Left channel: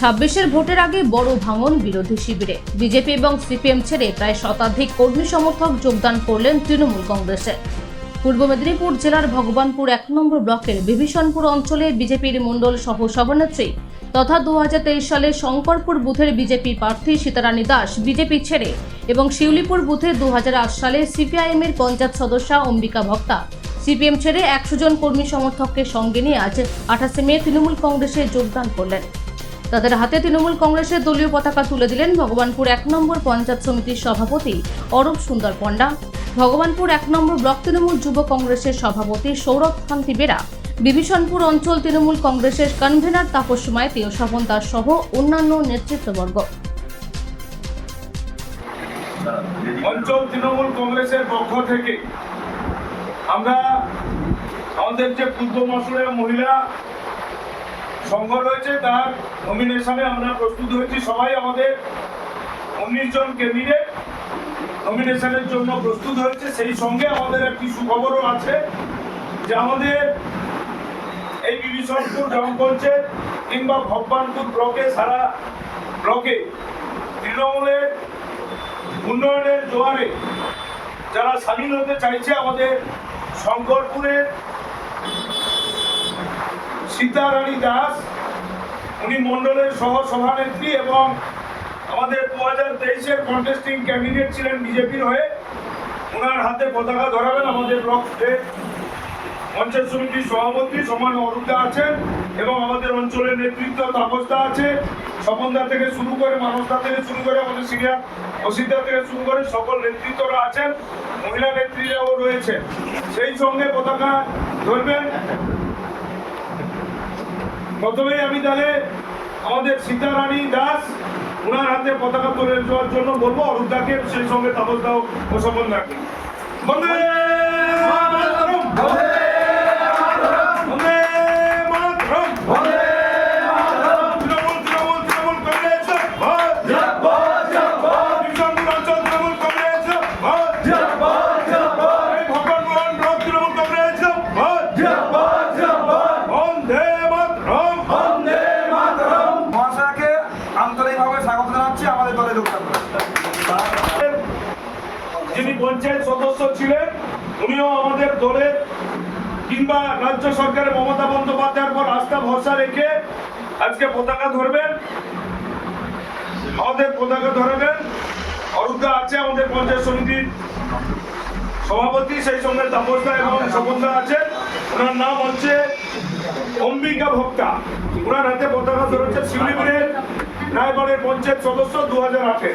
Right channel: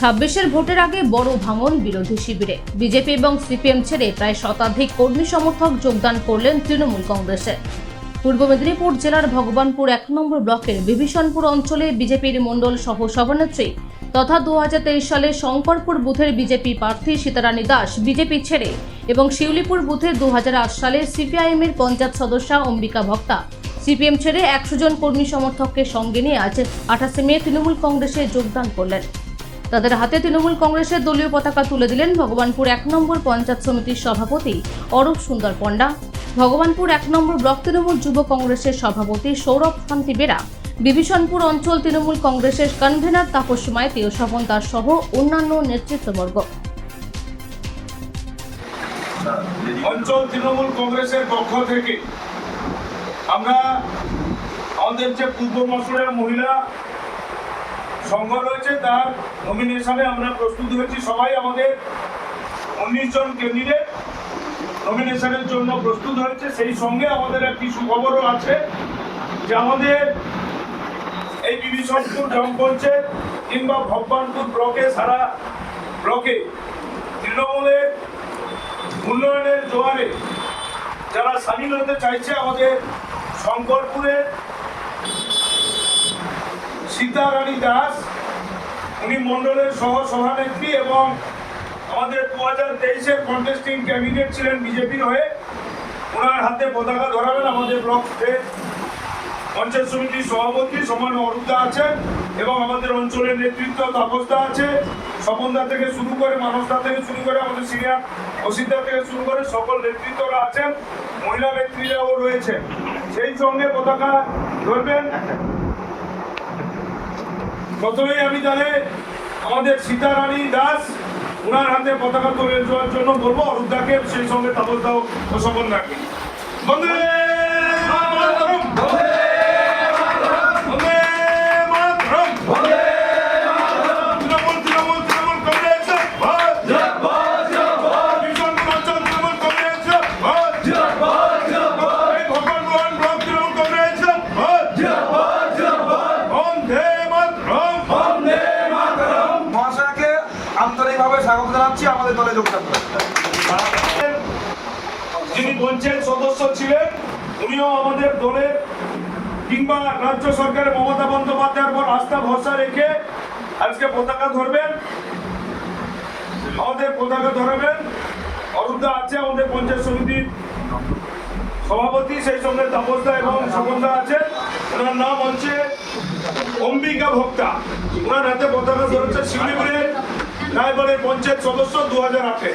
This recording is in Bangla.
26-এর ভোটের আগে বড় ভাঙন বিরোধী শিবিরে। বিজেপি এবং সিপিএম ছেড়ে প্রায় শতাধিক কর্মী সমর্থক যোগদান করলেন তৃণমূল কংগ্রেসে। পূর্ব মেদিনীপুর জেলার ভগবানপুর 1 নম্বর ব্লকের বিভীষণপুর অঞ্চলে বিজেপির মণ্ডল সহ সভানেত্রী তথা 2023 সালে শঙ্করপুর বুথের বিজেপি প্রার্থী সীতারানী দাস বিজেপি ছেড়ে এবং শিউলিপুর বুথে 2008 সালে সিপিআইএমের পঞ্চায়েত সদস্যা অম্বিকা ভক্তা সিপিএম ছেড়ে 100 জন কর্মী সমর্থককে সঙ্গে নিয়ে আজ 28 মে তৃণমূল কংগ্রেসে যোগদান করলেন। তাদের হাতে তৃণমূল কংগ্রেসের দলীয় পতাকা তুলে দিলেন ভগবানপুর 1 নম্বর পঞ্চায়েত সমিতির সভাপতি অরূপ সুন্দর পণ্ডা, ভগবানপুর 1 নম্বর ব্লক তৃণমূল যুব কংগ্রেসের সভাপতি সৌরভ কান্তি বেরা, বিভীষণপুর অঞ্চল তৃণমূল কংগ্রেসের কনভেনার তাপস মাইতি ও স্বপন দাস সহ অন্যান্য নেতৃত্ববর্গ। অঞ্চল তৃণমূল কংগ্রেসের পক্ষ থেকে আমরা আমাদের যে পূর্ব মসুরের মহিলা সংঘ রয়েছে তার নমিনেশনে আমরা প্রস্তুত হয়েছি। সবাই আমাদের 19 জন ক্যান্ডিডেট নমিনেশনের জন্য প্রস্তুত হয়েছে। সেই সঙ্গে আমাদের একটি সুখবরও আছে যে আমাদের এই বিভীষণপুর গ্রাম পঞ্চায়েত কিংবা ভগবানপুর ব্লকে সারা ব্লকে তৃণমূলের উন্নয়নের জোয়ারে যারা সামিল হতে চাইছে, আমাদের শঙ্করপুরের সীতারানী দাস উনি মণ্ডলের সহ সভানেত্রী এবং আমাদের 2023-এর কন্টেস্টিং ক্যান্ডিডেট ছিলেন বিজেপির হয়ে। ওনার হাতে পতাকা ধরাবেন আমাদের ব্লকের পঞ্চায়েত সমিতির সভাপতি সমান অরূপদা আছেন এবং আমাদের অঞ্চলের নেতৃত্ব তাপসদা আছে, স্বপনদা থেকে শুরু করে মানসদা থেকে শুরু করে আমাদের সিনিয়র অসিতদা থেকে শুরু করে সকল নেতৃত্বরা আছেন, মহিলা নেত্রীরাও রয়েছে। সেই সঙ্গে পতাকা ধরবেন। প্রথমেই আমি তাহলে আমাদের সীতারানী দাস ওনার হাতে পতাকা তুলে দেওয়ার জন্য বলবো অরূপদাকে, সেই সঙ্গে তাপসদাও ও স্বপন রাখি। আন্তরিকভাবে স্বাগত জানাচ্ছি আমাদের দলে যোগদান করতে। যিনি পঞ্চায়েত সদস্য ছিলেন উনিও আমাদের দলের কিংবা রাজ্য সরকারের মমতা বন্দ্যোপাধ্যায়ের পর আস্থা ভরসা রেখে আজকে পতাকা ধরবেন। আমাদের পতাকা ধরবেন অরূপদা আছে আমাদের পঞ্চায়েত সমিতির সভাপতি, সেই সঙ্গে তাপসদা এবং স্বপনদা আছে। ওনার নাম হচ্ছে অম্বিকা ভক্তা। ওনার হাতে পতাকা ধরেছে শিউলিপুরের রায়বাড়ের পঞ্চায়েত সদস্য 2008-এ।